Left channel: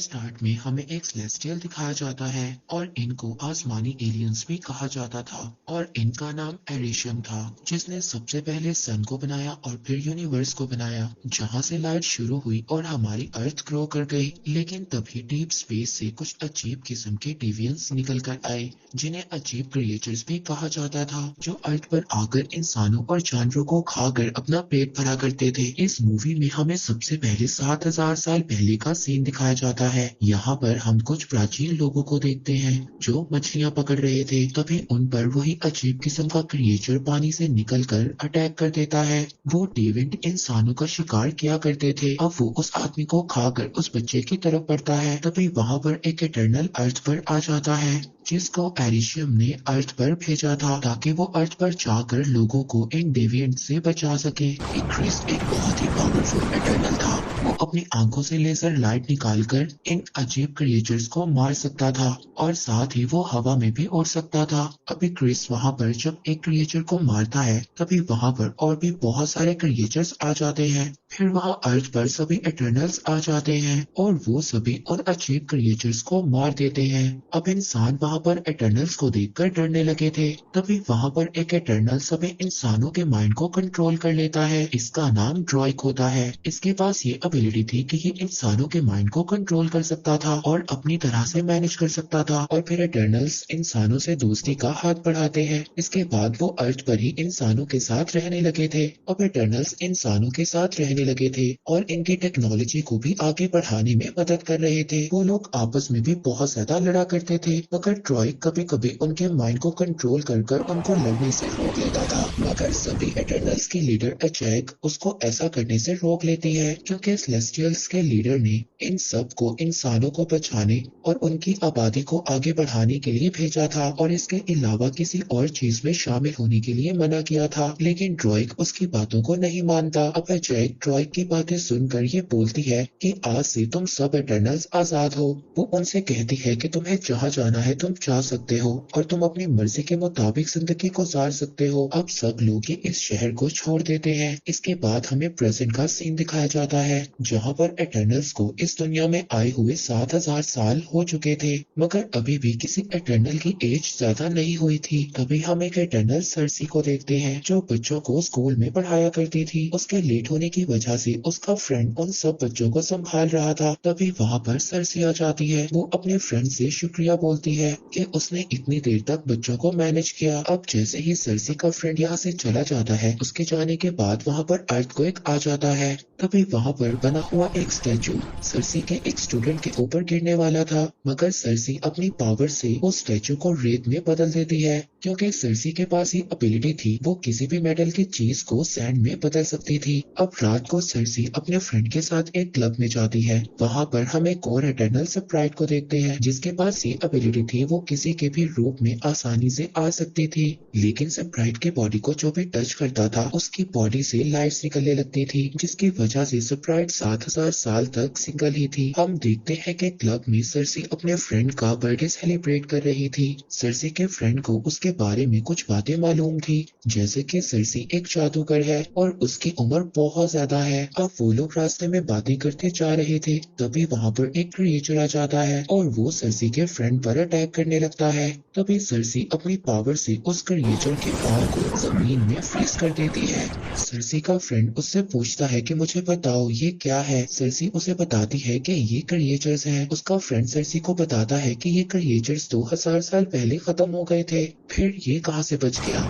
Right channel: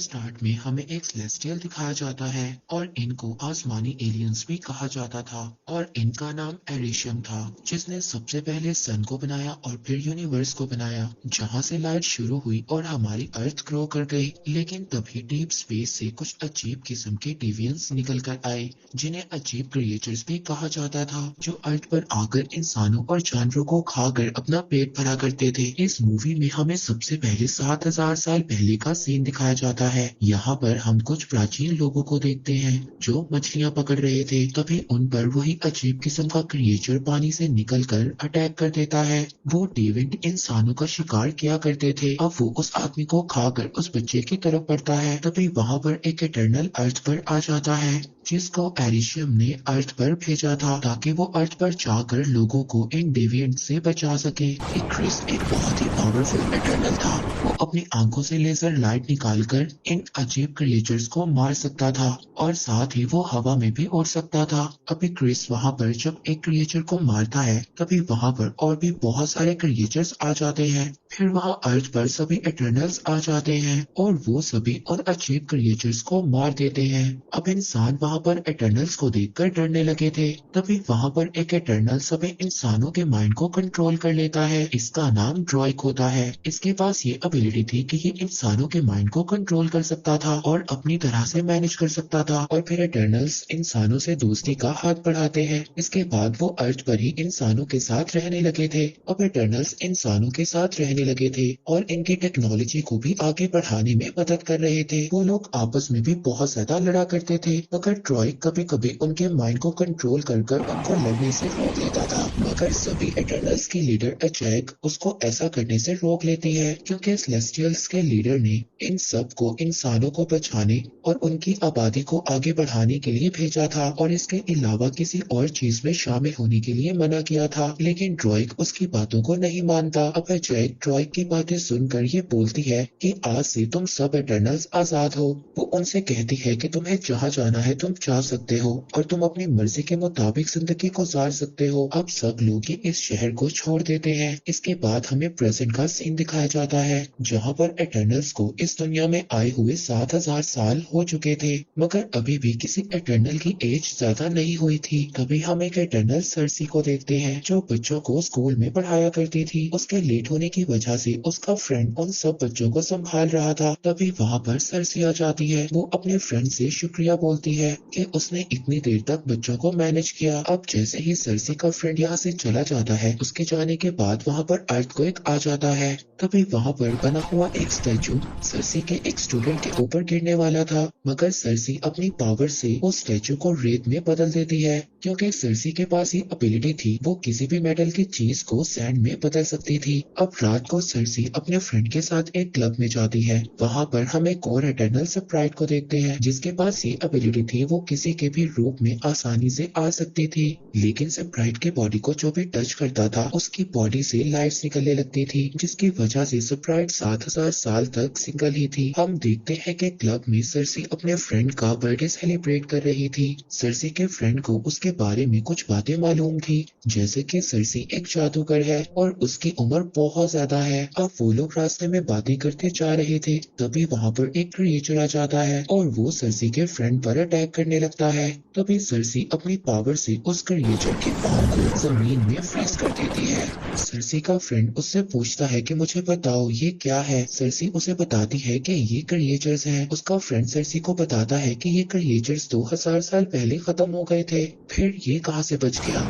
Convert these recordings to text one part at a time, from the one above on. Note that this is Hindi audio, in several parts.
स्टार्ट में हमें एक सेलेस्टियल दिखाया जाता है और इनको आसमानी एलियंस भी कहा जाता था और इनका नाम एरिशियम था, जिसने सबसे पहले सन को बनाया और फिर यूनिवर्स को बनाया, जहां से लाइट शुरू हुई और हमारी अर्थ ग्रो कर गई। लेकिन तभी डीप स्पेस से कुछ अजीब किस्म के डेवियंस निकल कर आए, जिन्हें अजीब क्रिएचर्स भी कहा जाता था, जो अर्थ पर आकर इंसानों और जानवरों को खाकर अपना पेट भरा करते थे। इस मूवी में हमें सबसे पहले 7,000 साल पहले का सीन दिखाया जाता है। यहाँ पर हम कुछ प्राचीन लोगों को देखते हैं जो मछलियाँ पकड़ रहे थे। तभी उन पर वही अजीब किस्म का क्रिएचर पानी से निकलकर अटैक कर देता है। वो डेविड इंसानों का शिकार किया करते थे, अब वो उस आदमी को खाकर उस बच्चे की तरफ बढ़ता है। तभी वहाँ पर एक इटर्नल अर्थ पर आ जाता है, जिसको एरिशियम ने अर्थ पर भेजा था ताकि वो अर्थ पर जाकर लोगों को इन डेविएंट से बचा सके। क्रिस एक बहुत ही पावरफुल इटर्नल था। वो अपनी आंखों से लेजर लाइट निकालकर इन अजीब क्रिएचर्स को मार सकता था और साथ ही वो हवा में भी उड़ सकता था। अभी क्रिस वहाँ पर जब एक क्रिएचर को मारता है, तभी वहाँ पर और भी बहुत सारे क्रिएचर्स आ जाते हैं। फिर वहाँ अर्थ पर सभी इटर्नल्स आ जाते हैं और वो सभी उन अजीब क्रिएचर्स को मार देते हैं। अब इंसान वहाँ पर इटर्नल्स को देखकर डरने लगे थे। तभी वहाँ पर एक इटर्नल सभी इंसानों के माइंड को कंट्रोल कर लेता है। इसका नाम ड्रॉइक होता है। इसके पास ये एबिलिटी थी कि ये इंसानों के माइंड को कंट्रोल कर सकता था और अपनी तरह से मैनेज कर सकता था। और फिर इटर्नल्स इंसानों से दोस्ती का हाथ बढ़ाते हैं। इसके बाद वो अर्थ पर ही इंसानों के साथ रहने लगे थे। अब इटर्नल्स इंसानों के साथ रहने लगे थे और इनकी टेक्नोलॉजी को भी आगे बढ़ाने में मदद कर रहे थे। वो लोग आपस में भी बहुत ज्यादा लड़ा करते थे, मगर ट्रॉय कभी कभी उनके माइंड को कंट्रोल कर कर उनको लड़ने से रोक लेता था। मगर सभी इटर्नल्स की लीडर अजैक उसको ऐसा करने से रोक लेती है, क्योंकि सेलेस्टियल्स के लीडर ने इन सब को इंसानों को बचाने और उनकी आबादी को आगे बढ़ाने के लिए भेजा था और इसके अलावा किसी और चीज में शामिल होने के लिए मना किया था। लेकिन ड्रॉइक उसकी बातों को नहीं मानता। अब अजैक ड्रॉइक की बातें सुनकर ये बोलती है कि आज से तुम सब इटर्नल्स आजाद हो। वो उनसे कहती है कि तुम्हें जहाँ जाना है तुम जा सकते हो और तुम अपनी मर्जी के मुताबिक जिंदगी गुजार सकते हो। अब सब लोग ही इस शहर को छोड़ देते हैं। इसके बाद हमें प्रेजेंट का सीन दिखाया जाता है, जहाँ पर इटर्नल्स को इस दुनिया में आए हुए 7,000 साल हो चुके थे, मगर अभी भी किसी इटर्नल की एज ज्यादा नहीं हुई थी। तभी हम एक इटर्नल सर्सी को देखते हैं, जो बच्चों को स्कूल में पढ़ाया करती थी। उसके लेट होने की वजह से उसका फ्रेंड उन सब बच्चों को संभाल रहा था। तभी वहाँ पर सर्सी आ जाती है। वो अपने फ्रेंड से शुक्रिया बोलती है कि उसने इतनी देर तक बच्चों को मैनेज किया। अब जैसे ही सर्सी का फ्रेंड यहाँ से चला जाता है, उसके जाने के बाद वहाँ पर अर्थक्वेक आ जाता है। तभी वहाँ पर बना हुआ एक स्टैचू सर्सी के एक स्टूडेंट के ऊपर गिरने वाला था, मगर सर्सी अपनी पावर से उस स्टैचू को रेत में बदल देती है, क्योंकि सर्सी के पास ये एबिलिटी थी। वो किसी भी मेटल की चीज को सैंड में बदल सकती थी। अब रात को सर्सी अपने फ्रेंड के साथ एक क्लब में जाती है। वहाँ पर हम एक और इटर्नल स्प्राइट को देखते हैं, जिसके पास ये एबिलिटी थी। वो किसी के भी रूप में आसानी से आ सकती थी, लेकिन स्प्राइट की बॉडी को जो भी टच करता था, उसकी बॉडी से लाइट्स निकलने लगती थी, जिसकी वजह से स्प्राइट 7,000 साल तक सिंगल ही थी। हम देखते हैं कि क्लब में सर्सी अपने फ्रेंड का बर्थडे सेलिब्रेट कर रही थी। सर्सी के फ्रेंड को उसके बारे में कुछ बातें मालूम थी, जैसे कि सर्सी एक जादूगर है और उसकी उम्र बहुत ज्यादा है। अब वो लोग रास्ते में बातें करते जा रहे थे, तभी वहाँ पर एक क्रिएचर आ जाता है और वो सर्सी के फ्रेंड पर अटैक करने लगता है। तभी सर्सी अपनी पावर से उस क्रिएचर के पाँव को जमीन में फ्रीज कर देती है। सर्सी का फ्रेंड उससे पूछता है कि मुझे बताओ ये क्या है। सर्सी उसे बताती है कि ये क्रिएचर्स हैं। उसका फ्रेंड सर्सी को बताता है कि ये क्रिएचर्स 2,000 साल पहले खत्म हो गए थे, फिर ये कहाँ से बच गया।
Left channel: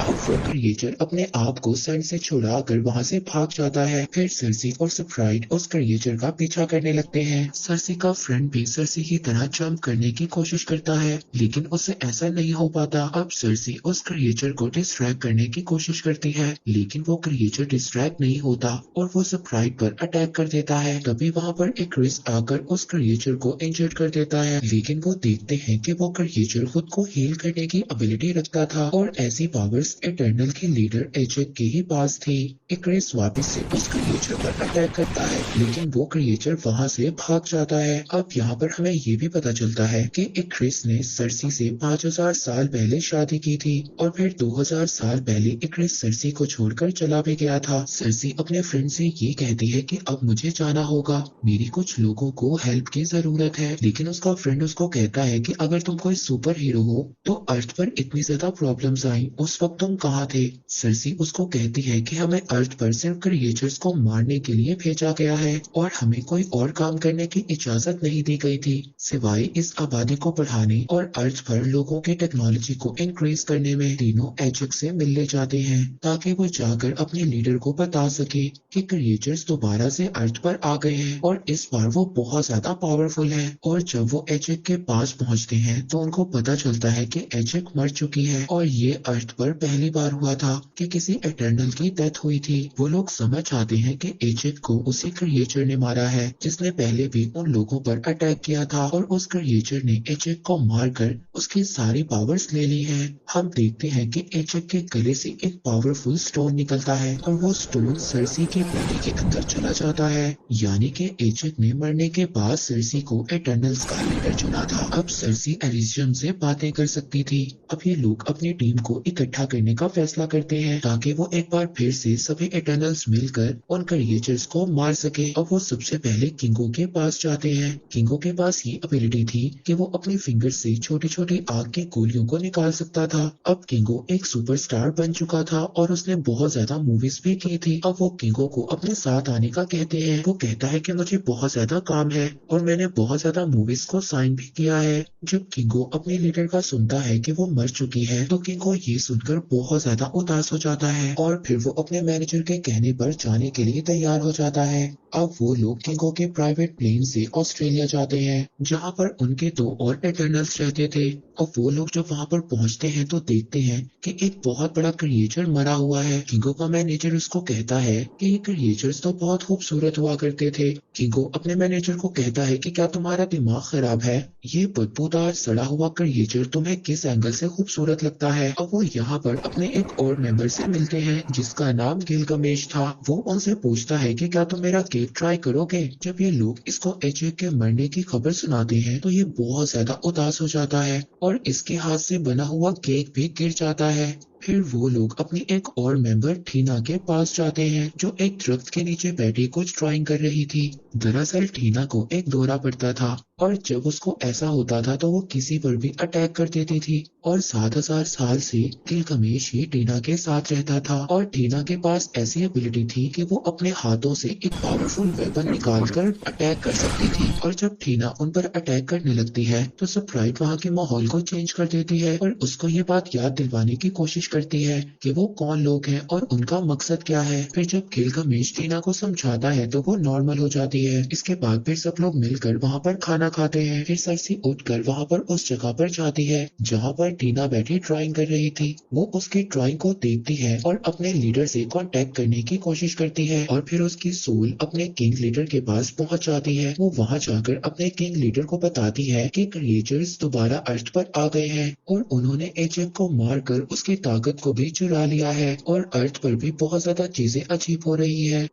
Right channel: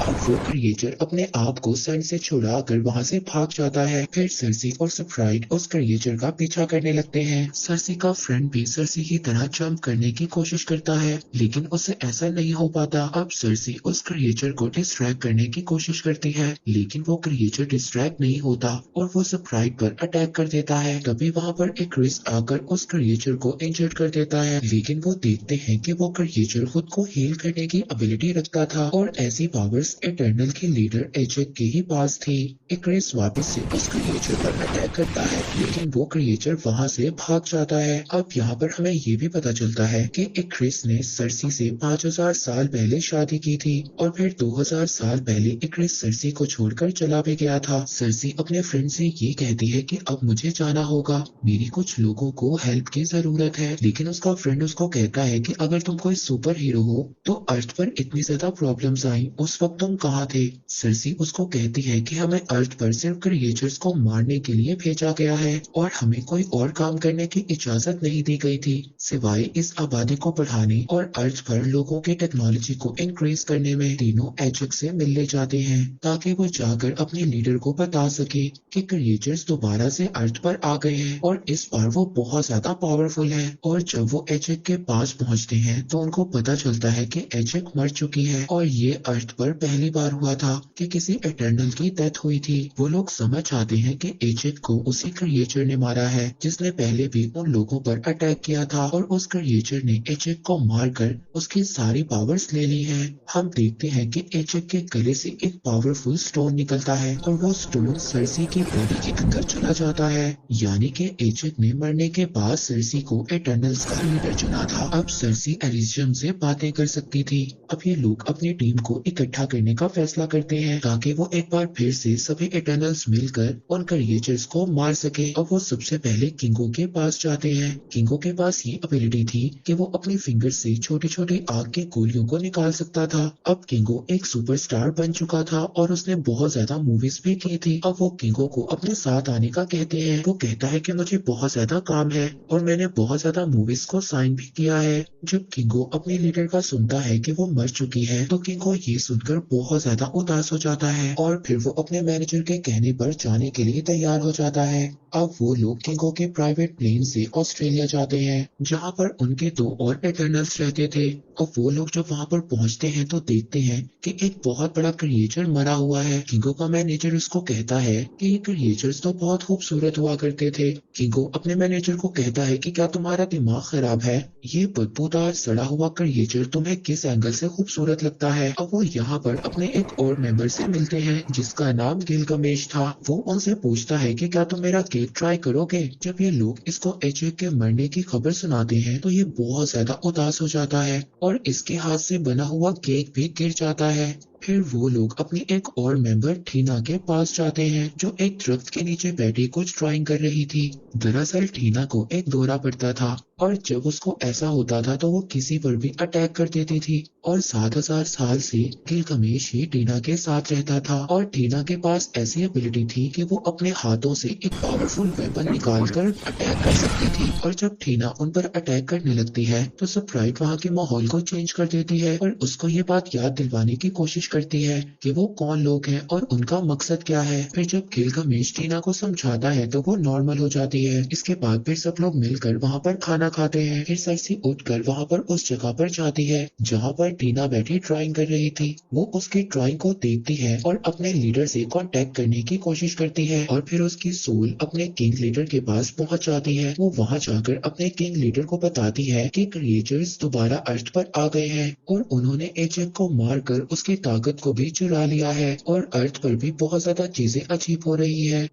अब वो क्रिएचर अपने आप को सैंड से छुड़ाकर वहां से भाग जाता है। फिर सर्सी और स्प्राइट उस क्रिएचर का पीछा करने लगते हैं। सर्सी का फ्रेंड भी सर्सी की तरह जंप करने की कोशिश करता है, लेकिन उससे ऐसा नहीं हो पाता। अब सर्सी उस क्रिएचर को डिस्ट्रैक्ट करने की कोशिश करती है, लेकिन वो क्रिएचर डिस्ट्रैक्ट नहीं होता और वो स्प्राइट पर अटैक कर देता है। तभी वहाँ पर एक क्रिस आकर उस क्रिएचर को इंजर्ड कर देता है, लेकिन वो देखते हैं कि वो क्रिएचर खुद को हील करने की एबिलिटी रखता था और ऐसी पावर्स इटर्नल के लीडर एजेक के ही पास थी। इक्रिस वापस से उस क्रिएचर पर अटैक करता है, लेकिन वो क्रिएचर वहां से भाग जाता है। अब यहाँ पर हमें ये भी पता चलता है कि इक्रिस ने सर्सी से 5000 साल पहले शादी की थी और फिर 2000 साल पहले इक्रिस सर्सी को छोड़कर चला भी गया था। सर्सी अपने फ्रेंड से ये कहती है कि अब मुझे जाना होगा, मेरी कुछ लोगों को हेल्प की जरूरत है, लेकिन उसका फ्रेंड उसको कहता है कि अगर तुम कोई सुपर हीरो हो तो अर्थ पर इतनी ज्यादा प्रॉब्लम्स आई, उस वक्त तुम कहाँ थे। सर्सी उसको कहती है कि हमें अर्थ पर सिर्फ क्रिएचर्स को मारने के लिए भेजा गया है और हमें कोई और काम करने की इजाजत नहीं दी गई थी सिवाय इस आबादी को बढ़ाने और अर्थ पर लोगों की टेक्नोलॉजी को इंक्रीज करने में। तीनों एजेक से मिलने जाते हैं ताकि वो जाकर अपने लीडर को बता सके कि क्रिएचर्स दोबारा से अर्थ पर आ गए हैं और इस बार वो बहुत ज्यादा पावरफुल है। और जब वो एजेक के पास पहुंचते हैं तो उनको पता चलता है कि एजेक मर चुकी है और ये अर्थ पर पहली बार हुआ था कि किसी इटर्नल की डेथ हुई थी। वो लोग समझ आते हैं कि एजेक को उसी क्रिएचर ने मारा है जिसने पहले भी उन लोगों पर अटैक किया था और उस क्रिएचर ने एजेक को मारकर उसकी सारी पावर्स ले ली हैं। हम देखते हैं कि एजेक के गले से एक पावरफुल स्टोन निकलता है और वो स्टोन सर्सी की बॉडी के अंदर चला जाता है, यानी कि एजेक ने मरने के बाद सर्सी को इटर्नल्स का लीडर चुना था। अब सर्सी एलिसियम से बातें कर सकती थी। अब ये लोग अपनी टीम को इकट्ठा करने का फैसला करते हैं ताकि वो एक बार फिर से सभी इटर्नल्स मिलकर उन क्रिएचर्स को मार सके। अब वो सबसे पहले किंगो के पास जाते हैं। किंगो के पास ये एबिलिटी थी कि वो अपने फिंगर से छोटी छोटी आग की गोलियों को निकाल सकता था। अब किंगो एक सुपरस्टार बन चुका था और उसने बहुत ज्यादा मूवीज भी की थी। अब वो किंगो को अपने साथ आने का कहते हैं। वो कहता है कि मुझे बहुत ज्यादा काम है और मैंने बहुत ज्यादा मूवीज को साइन भी किया है। जब किंगो अपने लीडर का सुनता है कि वो मर चुकी है तो किंगो ये सुनकर बहुत ज्यादा उदास हो जाता है और फिर वो अपने मैनेजर के कहने पर जाने के लिए तैयार हो जाता है। अब वो लोग किंगो के प्राइवेट प्लेन से ऑस्ट्रेलिया जाते हैं जहाँ पर उनके दो और इटर्नल्स रहते थे। और वो लोग जब वहाँ पर पहुँचते हैं तो देखते हैं कि एक बहुत बड़ा क्रिएचर मरा हुआ है। किंगो का मैनेजर उसको कहता है कि ये क्रिएचर्स तो बहुत खूबसूरत हुआ करते थे। किंगो अपने मैनेजर को कहता है कि क्या तुम्हारा दिमाग खराब है, ये बदबूदार सड़ा हुआ क्रिएचर तुम्हें किस एंगल से खूबसूरत लगता है। अब वो यहाँ पर अपने एक और मेंबर से मिलते हैं जिसका नाम गिलगमेश था। वो उनसे पूछता है कि क्या तुम मेरा केक ट्राई करोगे। जब ये लोग इसको एजेक के मरने की खबर सुनाते हैं तो ये बहुत ज्यादा उदास हो जाता है और इसके हाथ से बना हुआ केक भी गिर जाता है। फिर वो लोग अपनी एक और मेंबर ठीना के पास जाते हैं जो एक दरख्त के नीचे बैठी कुछ ड्राइंग कर रही थी। दरअसल ठीना को एक दौरा पड़ता था और जब उसको ऐसा होता था तो वो किसी पर भी अटैक कर देती थी और 7000 साल से गिलगमेश ही ठीना के साथ रहता था और ठीना के पास ऐसी एबिलिटी थी कि वो अपने हाथों से एक पावरफुल वेपन निकालकर अटैक कर सकती थी। और जब ठीना उन पर अटैक करने लगती है तो स्प्राइट वहाँ के माहौल को चेंज कर देती है और उसको ये बात याद दिलवाने की कोशिश करती है कि वो कौन लोग हैं और उनका मकसद क्या है। फिर जब गिलगमेश ठीना को समझाता है तो वो नॉर्मल हो जाती है। इसके बाद फिर सब लोग मिलकर वहाँ पर खाना खाते हैं। फिर सर्सी उठकर वहाँ पर उस जगह पर जाती है जहाँ पर टीना बैठी ड्राइंग कर रही थी। वो उसकी ड्राइंग को देखती है और अपने लीडर से कांटेक्ट करने की कोशिश करती है और फिर उसकी सोल अपने किंग लीडर के पास पहुंच जाती है। वो वहाँ जाकर अपने किंग लीडर को बताती है कि क्रिएचर्स दोबारा अर्थ पर आ गए हैं और उन्होंने एजेक को मारकर उसकी ताकत को भी चुरा लिया है और अर्थ पर भी बहुत ज्यादा चीजें अजीब हो रही है।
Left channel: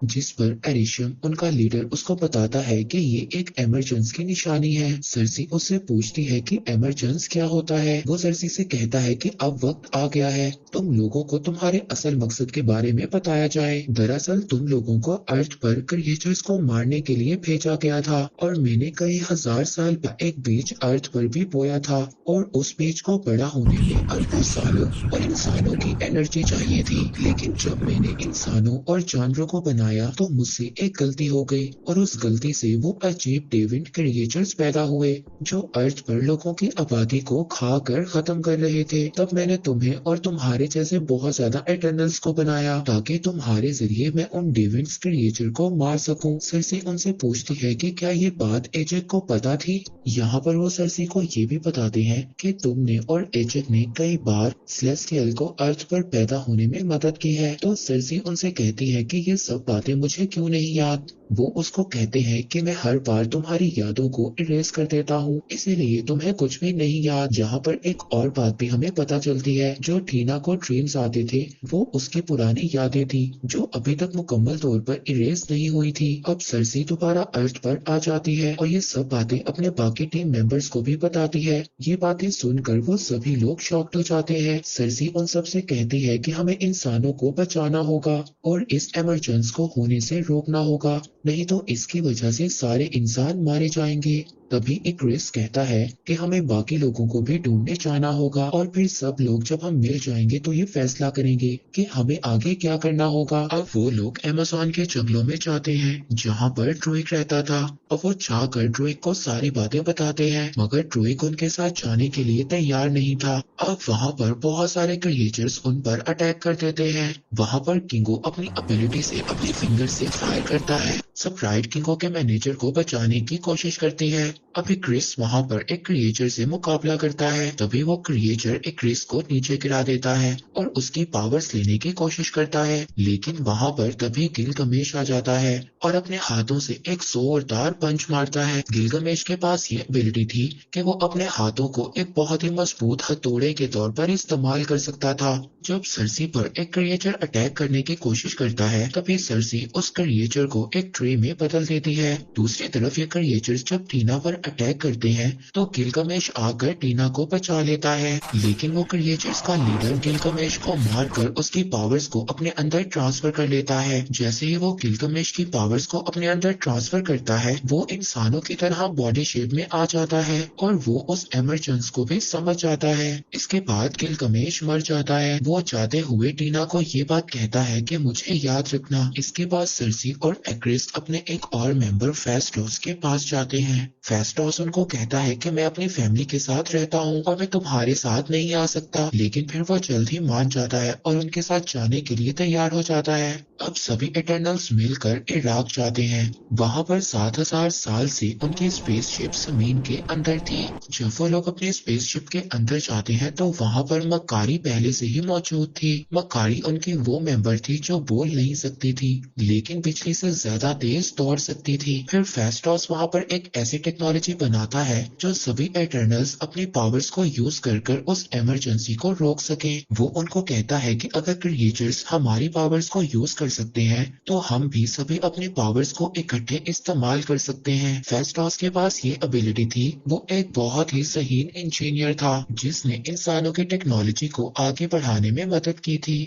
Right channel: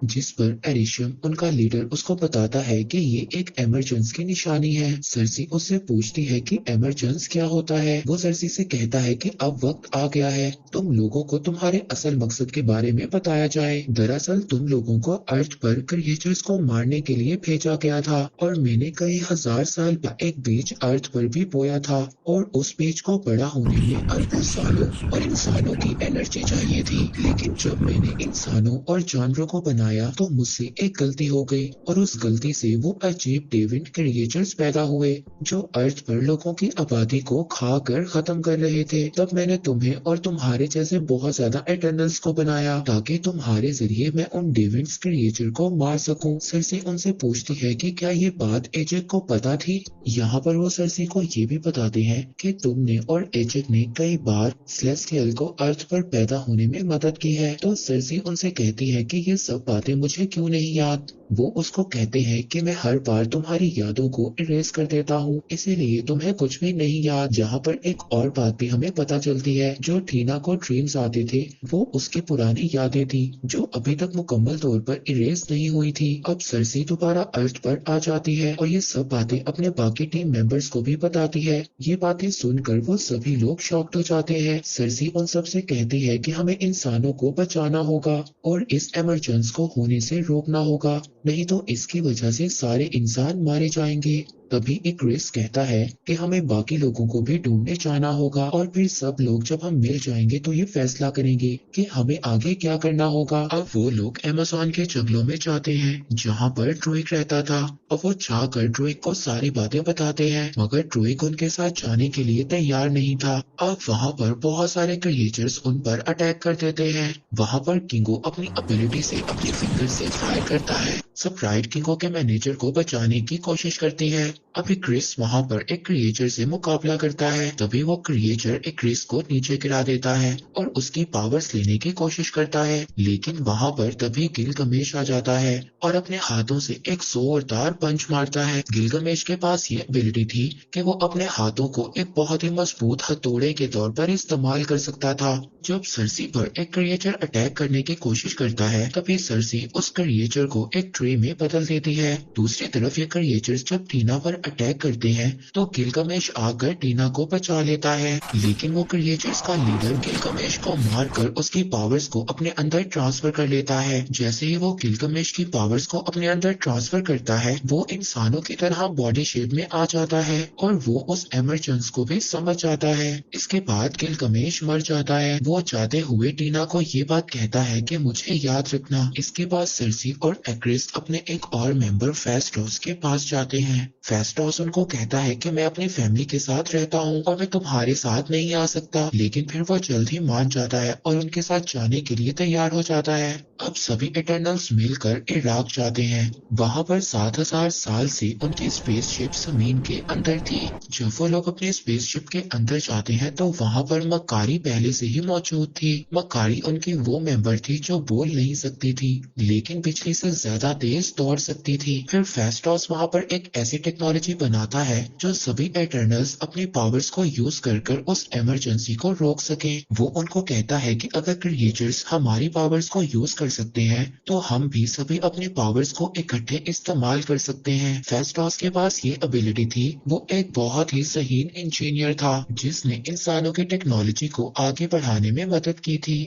जिस पर एरिशियम उनका लीडर उसको बताता है कि ये एक एमरजेंस की निशानी है। सर्सी उससे पूछती है कि एमरजेंस क्या होता है। वो सर्सी से कहता है कि अब वक्त आ गया है तुम लोगों को तुम्हारे असल मकसद के बारे में बताया जाए। दरअसल तुम लोगों को अर्थ पर क्रिएचर्स को मारने के लिए भेजा गया था और मैंने कई हजार साल पर एक बीज अर्थ पर भी बोया था और उस बीज को बड़ा होने में अरबों सालों और इंसानों की एनर्जी चाहिए थी, लेकिन जब मैंने इंसानों और जानवरों को बनाया तो मुझसे एक गलती हो गई और उस गलती से वो अजीब डेविड क्रिएचर्स पैदा हुए जो अर्थ पर लोगों की आबादी को खाकर खत्म कर रहे थे। तब मैंने तुम्हें और तुम्हारे जैसे बहुत ज्यादा इटर्नल्स को बनाया ताकि तुम्हारे जरिए मैं उन डेविड क्रिएचर को मार सकूं। सर्सी उनसे पूछती है कि क्या ये बात एजेक को पता थी। यहाँ पर वो सर्सी को ये भी बताते हैं कि तुमने और एजेक ने कई बार सेलेस्टियल को अर्थ पर पैदा होने में मदद की है। तो सर्सी उनसे कहती है कि ये सब बातें मुझे क्यों नहीं याद। वो उसको कहते हैं कि मैं हर बार तुम्हारी यादों को इरेज कर देता हूँ, इसीलिए तुम्हें कुछ भी नहीं याद। जहाँ पर एक और बात भी हमें पता चलती है, जो टीना को ड्रीम्स आते थे वो उसकी पुरानी यादें थी जो अभी तक मुकम्मल तौर पर इरेज नहीं हुई थी। अब सरसी दोबारा अर्थ पर आ जाती है और ये सब बातें अपने बाकी टीम मेंबर्स को भी बताती है। ये बातें सुनकर वो सभी लोग शॉक्ड हो जाते हैं। सरसी उन सब से कहती है कि हमें इंसानों को बचाना होगा और इस इमरजेंस को होने से रोकना होगा, नहीं तो इसकी वजह से सारे इंसान मारे जाएंगे। तभी एक क्रिस कहता है कि हमें बाकी लोगों को भी ढूंढने जाना होगा और फिर सब लोग जब हम मिल जाएंगे तो ये फैसला करेंगे कि हमें आगे क्या करना होगा। अब वो लोग अमेज़न के जंगलों में जाते हैं जहाँ पर ड्रूइग रहता था और वो जाकर ड्रूइग को सारी बातें बताते हैं, मगर ड्रूइग उनके साथ जाने के लिए तैयार नहीं था। अब वहाँ पर बहुत सारे क्रिएचर्स उन पर अटैक कर देते हैं। वहाँ पर किंगो अपनी एबिलिटी से अपनी फिंगर से फायर करता है। स्प्राइट किंगो के मैनेजर को बचाने की कोशिश करती है। अभी क्रिस वहां पर एक क्रिएचर से मुकाबला करता है, तभी वो क्रिएचर एक क्रिस को नीचे गिरा देता है और उसकी पावर्स लेने की कोशिश करता है, लेकिन वहां पर तभी गिलगमेश आ जाता है और अपने हाथों से एक जोरदार पंच मारता है। गिलगमेश के पास ये एबिलिटी थी कि वो अपने हाथों को एक बहुत ही मजबूत हथौड़े के तौर पर इस्तेमाल कर सकता था। जब सरसी पर एक क्रिएचर अटैक करने की कोशिश करता है, तभी सरसी उस क्रिएचर को एक ट्री में बदल देती है। दूसरी तरफ ये क्रिएचर जब टीना पर अटैक करते हैं तो गिलगमेश आकर टीना को बचा लेता है, लेकिन वो क्रिएचर्स का लीडर गिलगमेश को मारकर उसकी पावर्स को अपने अंदर ट्रांसफर कर लेता है। जैसे ही वो गिलगमेश की पावर्स को अपने अंदर ट्रांसफर करता है, वो इंसानों की तरह बॉडी शेप में आ जाता है और वो उस एमरजेंस को भी समझ जाता है। इसके बाद गिलगमेश मर जाता है। वो जाते हुए टीना को ये बात कहता है कि मुझे याद रखना। इसके बाद सरसी और एक्रिस अपने एक और मेंबर फेस्टोस के पास जाते हैं। फेस्टोस उनको कहता है कि मैं अपनी फैमिली के साथ रहता हूँ और मैं तुम्हारे साथ नहीं आ सकता, लेकिन फिर वो जल्द ही मान जाता है और उनके साथ जाने के लिए तैयार हो जाता है। अब सभी इटर्नल्स मिलकर इराक जाते हैं। वहाँ पर 7,000 साल से उनकी स्पेसशिप जमीन के अंदर थी। जब वो लोग अपनी स्पेसशिप के अंदर जाते हैं तो वहाँ पर मक्कारी पहले से ही मौजूद थी। मक्कारी उनकी वो मेंबर थी जो बोल नहीं सकती थी, लेकिन बिजली से ज्यादा तेज दौड़ सकती थी। फिर फेस्टोस वहाँ पर एक ऐसी टेक्नोलॉजी बनाता है जो सभी इटर्नल्स अपने पावर्स को यूज कर उस इमरजेंसी को रोक सके। वो उनको कहता है कि अगर क्रिएचर्स हमारी पावर्स को यूज कर सकते हैं तो हम भी सभी अपने पावर्स को इकट्ठे इस्तेमाल कर सकते हैं। फेस्टोस के पास ये एबिलिटी थी। वो एक बहुत ही ज़हीन इंजीनियर था जिसने इंसानों की टेक्नोलॉजी को आगे बढ़ाने में मदद की थी।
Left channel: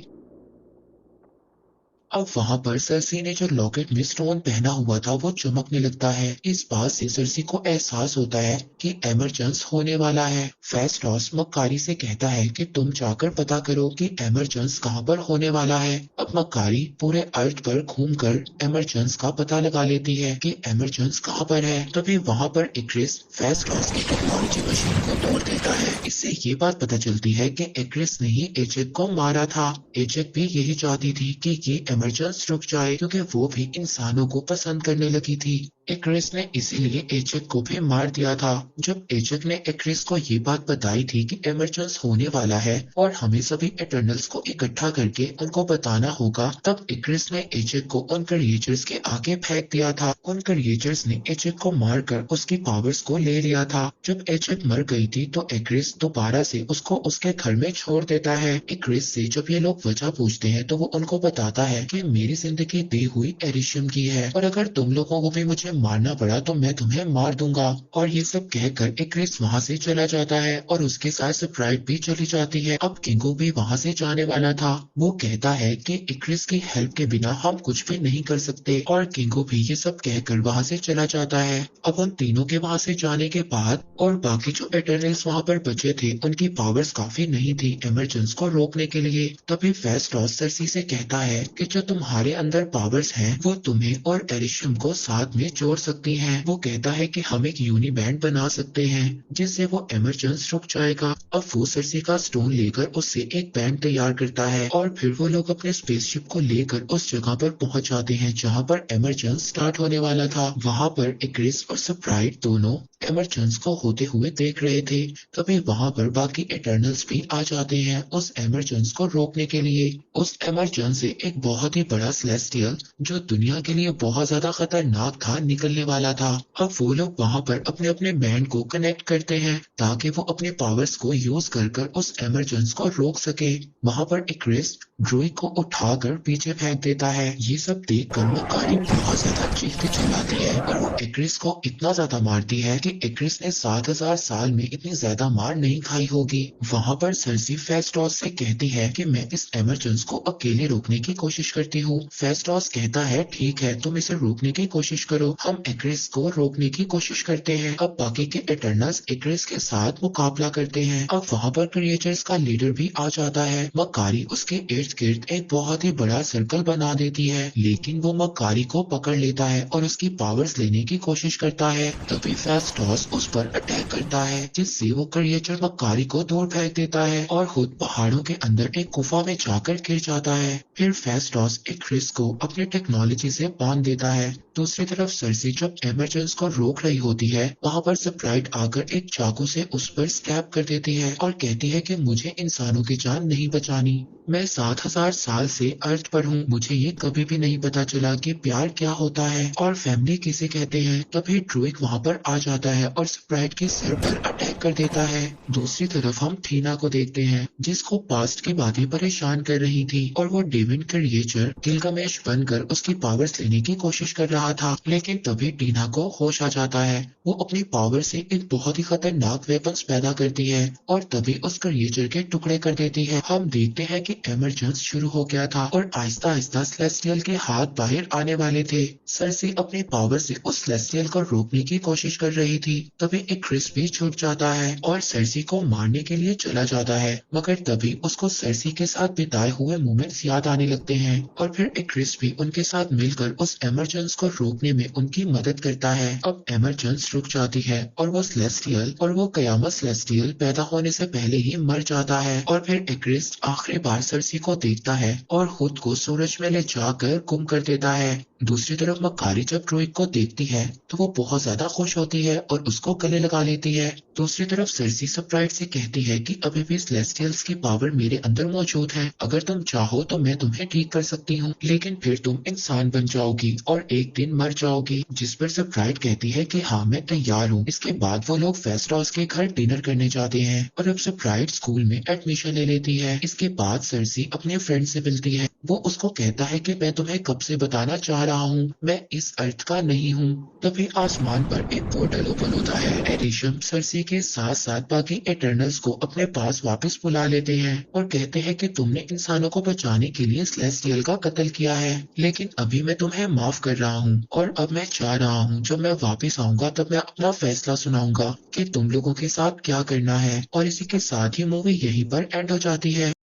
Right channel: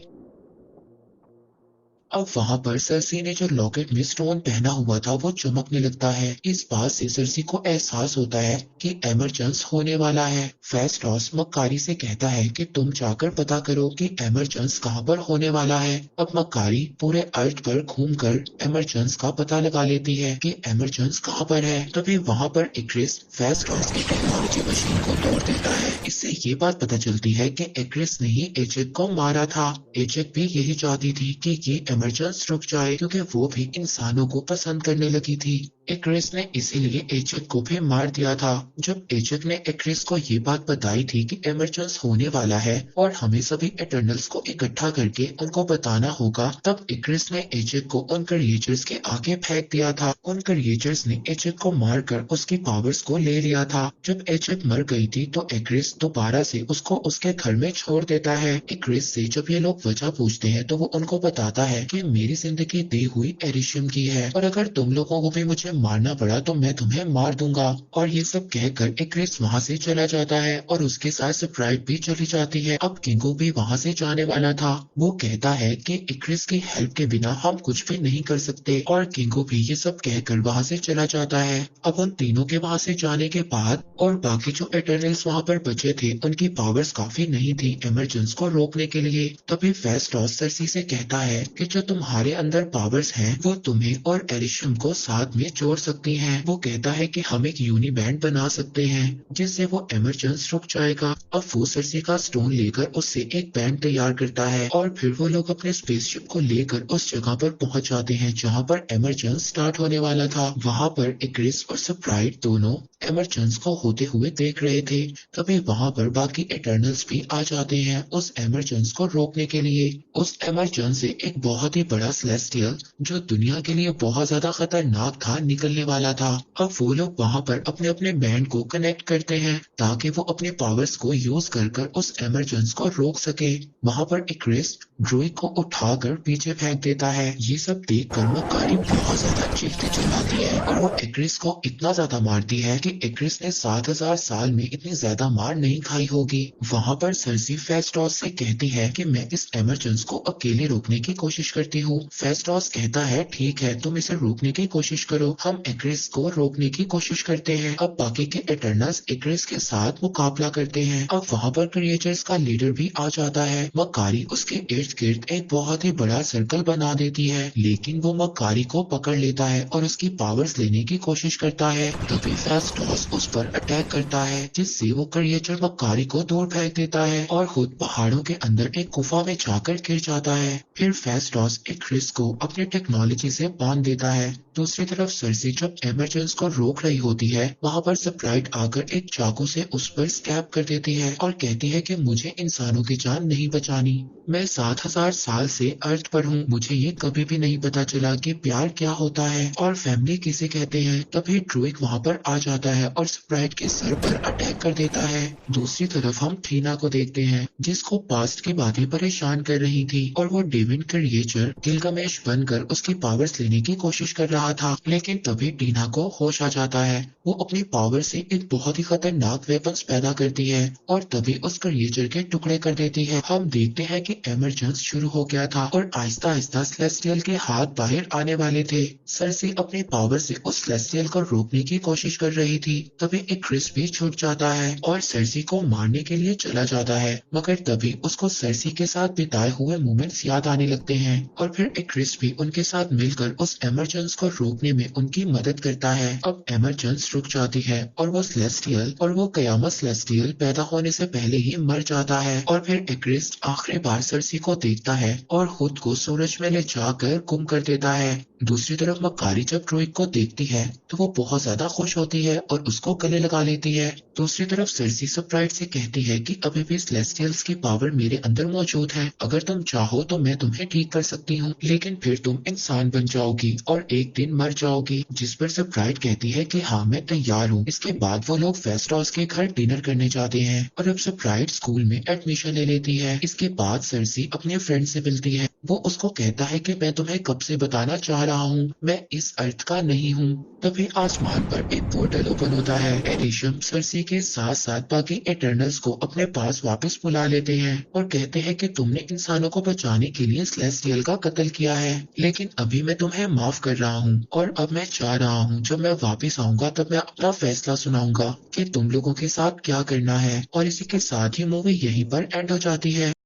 अब वहां पर सरसी ने जो लॉकेट में स्टोन पहना हुआ था वो चमकने लगता है। इस बात से सरसी को एहसास होता है कि एमरजेंस होने वाला है। फेस्टोस मक्कारी से कहता है कि तुम जाकर पता करो कि एमरजेंस कहाँ पर होने वाला है। अब मक्कारी पूरे अर्थ पर घूमकर एमरजेंस का पता लगा लेती है कि एमरजेंस कहाँ पर है। तभी वहां पर एक्रिस फेस्टोस की टेक्नोलॉजी मशीन को तोड़ देता है। इससे ये बात पता चलती है कि एक्रिस ने ही एजेक को मारा था। एजेक भी यही चाहती थी कि ये एमरजेंस रुक जाए क्योंकि वो भी इंसानों को पसंद करने लगी थी। एक्रिस ने इसीलिए एजेक को भी मार दिया था। जब एजेक ने एक्रिस को ये बात बताई थी कि एमरजेंस होने वाला है और हमें सभी इटर्नल्स को इकट्ठा करके उनको बताना होगा, तब एक्रिस ने एजेक को उन क्रिएचर्स के आगे फेंक दिया था। उन क्रिएचर्स ने एजेक को मारकर उसकी पावर्स को ले लिया था। जब एजेक मर गई थी तो एक्रिस दोबारा से उसको उसके घर में छोड़ देता है। एक्रिस से जब ये लोग वजह पूछते हैं तो वो उनको बताता है कि मेरी जिंदगी दी हुई एरिशियम की है और अगर तुम लोगों को भी मुझे मारना पड़ा तो मैं तुम्हें मार दूंगा। और ये सब कहकर एक्रिस वहाँ से चला जाता है और उसके साथ स्प्राइट भी चली जाती है। अब किंगो भी वहाँ से जाने वाला था। वो कहता है कि एक्रिस की हेल्प के बिना हम कुछ भी नहीं कर सकते और किंगो भी ये सब कहकर वहाँ से चला जाता है। अब उन तीनों के वहाँ से जाने के बाद और बाकी जो इटर्नल्स वहाँ पर बचे थे उनकी पावर्स काफी नहीं थी इमरजेंस को रोकने के लिए। तभी फेस्टोस सरसी से कहता है कि जो तुम्हारे अंदर पावर्स हैं वो तुम्हें और एरिशियम को साथ में जोड़ तोड़ सकती हैं। वो कहता है कि हम एक यूनिबैंड बना सकते हैं जिससे वो एमरजेंस रुक जाएगा। अब वो सरसी का स्टोन लेकर उससे एक बैंड तैयार करता है और फिर वो लोग अपने स्पेसशिप को लेकर उस जगह पर पहुंच जाते हैं जहां पर एमरजेंस स्टार्ट होने वाला था। वहां पर इक्रिस और स्प्राइट दोनों एमरजेंस को होते हुए देख रहे थे। तभी वहां पर बाकी एटर्नल्स भी आ जाते हैं उस एमरजेंस को रोकने के लिए। उस एमरजेंस से एक बहुत ही बड़ा सेलेस्टियल जो दुनिया के लिए बहुत ज्यादा खतरनाक था निकलने वाला था। अब वो लोग वहां पर अपने अपने बैंड को कनेक्ट करते हैं ताकि वो अपने पावर्स को यूज कर कर उस एमरजेंस को रोक सके। वहां पर इक्रिस ड्रूइग को उठाकर पीछे फेंक देता है। ये सब देखकर मकारी बहुत ज्यादा चीखती चिल्लाती है और वो इक्रिस को इतना ज्यादा मारती है कि इक्रिस ने 7000 साल में इतनी ज्यादा मार नहीं खाई होगी। वहां पर सरसी फेस्टोस से कहती है कि मैं इस एमरजेंस को अकेले रोकने की कोशिश करती हूँ। फेस्टोस कहता है ठीक है, तुम इसे रोकने की कोशिश करो, हम इक्रिस को रोकने की कोशिश करते हैं। अब बाकी के एटर्नल्स इक्रिस के साथ मुकाबला करते हैं। अब वहाँ पर क्रिएचर्स का लीडर भी आ जाता है। मकारी उसके इर्द गिर्द एक बहुत ही बड़ा सर्कल बना देती है, लेकिन वो मकारी को पकड़ लेता है और उसकी पावर्स लेने की कोशिश करता है। तभी फेस्टोस उस पर अटैक करता है जिससे वो क्रिएचर मकारी को दूर फेंक देता है और खुद पहाड़ों के अंदर एक गुफा में जाकर गिर जाता है। फिर फेस्टोस इक्रिस को अपने टेक्नोलॉजी से बांध देता है। दूसरी तरफ सरसी जब एमरजेंस को रोक रही होती है, वहाँ पर स्प्राइट आकर एक चाकू से उस पर स्टैब कर देती है और कहती है कि मुझे इंसानों की जान नहीं बचानी। मैं 7000 साल से अर्थ पर हूँ, मुझे ये कभी भी नहीं पता चला कि प्यार क्या होता है और फैमिली किसे कहते हैं। तभी ड्रूइग वहाँ पर आ जाता है और स्प्राइट के सर पर अटैक कर देता है। दूसरी तरफ हम थीना को देखते हैं जिसको पास्ट की बातें परेशान कर रही थी और वो डेविन क्रिएचर गिलगमेश बनकर उसकी पावर्स लेने की कोशिश कर रहा था। लेकिन तभी टीना को होश आ जाता है। वो अपनी पावर से एक बहुत ही खतरनाक वेपन्स पैदा करती है और तभी उस क्रिएचर के टुकड़े कर देती है। हम देखते हैं कि एमरजेंस शुरू हो गया था और आहिस्ता आहिस्ता सेलेस्टियल के हाथ बाहर आने वाले थे। सरसी अपनी पावर से उस सेलेस्टियल को रोकने की कोशिश कर रही थी। तभी एक क्रिस भी छूट जाता है और सरसी को मारने के लिए चला जाता है, मगर तभी उसको सरसी के साथ बिताए हुए मोमेंट्स याद आने लगते हैं और फिर एक क्रिस भी उनके साथ मिलकर उस एमरजेंस को रोकने में उनकी मदद करता है। अब एमरजेंस रुक जाती है और वो सेलेस्टियल और वो कयामत सेलेस्टियल पैदा होने से पहले ही मर जाता है और फिर एक्रिस आखिरी बार सरसी को देखता है और खुद को सूरज में ले जाकर गुम कर देता है। दूसरी तरफ मकारी जब ड्रूइग को देखती है तो वो बहुत ज्यादा खुश होती है और उसको गले लगा लेती है। दूसरी तरफ सरसी स्प्राइट से कहती है कि अभी भी सेलेस्टियल्स की पावर मेरे अंदर मौजूद है, अगर तुम चाहो तो मैं तुम्हें ठीक कर सकती हूँ, लेकिन फिर तुम इंसान बन जाओगी और एक दिन मर जाओगी। जिस पर स्प्राइट कहती है कि हाँ मैं तैयार हूँ। इसके बाद वो लोग फेस्टोस के घर डिनर करने जाते हैं और अब स्प्राइट स्कूल में एडमिशन ले लेती है। इसके बाद सरसी अपने फ्रेंड से मिलती है। वो उसको कहता है कि मैं तुम्हें कब से बताना चाह रहा हूँ, मैं इस अर्थ का नहीं हूँ। तभी आसमान पर एक पोर्टल ओपन होता है। एरिशम सरसी के साथ साथ बाकी एटर्नल्स को अपने पास वापस बुला लेते हैं और कहते हैं कि तुमने इंसानों को बचाने के लिए सेलेस्टियल का कत्ल किया है, लेकिन अभी मैं तुम्हें माफ कर रहा हूँ और अब मैं चाह रहा हूँ जब मैं वापस आऊंगा तब मैं अपना फैसला सुनाऊंगा कि तुम लोगों के साथ क्या करना है। और इसी के साथ ही मूवी यहीं पर एंड हो जाती है।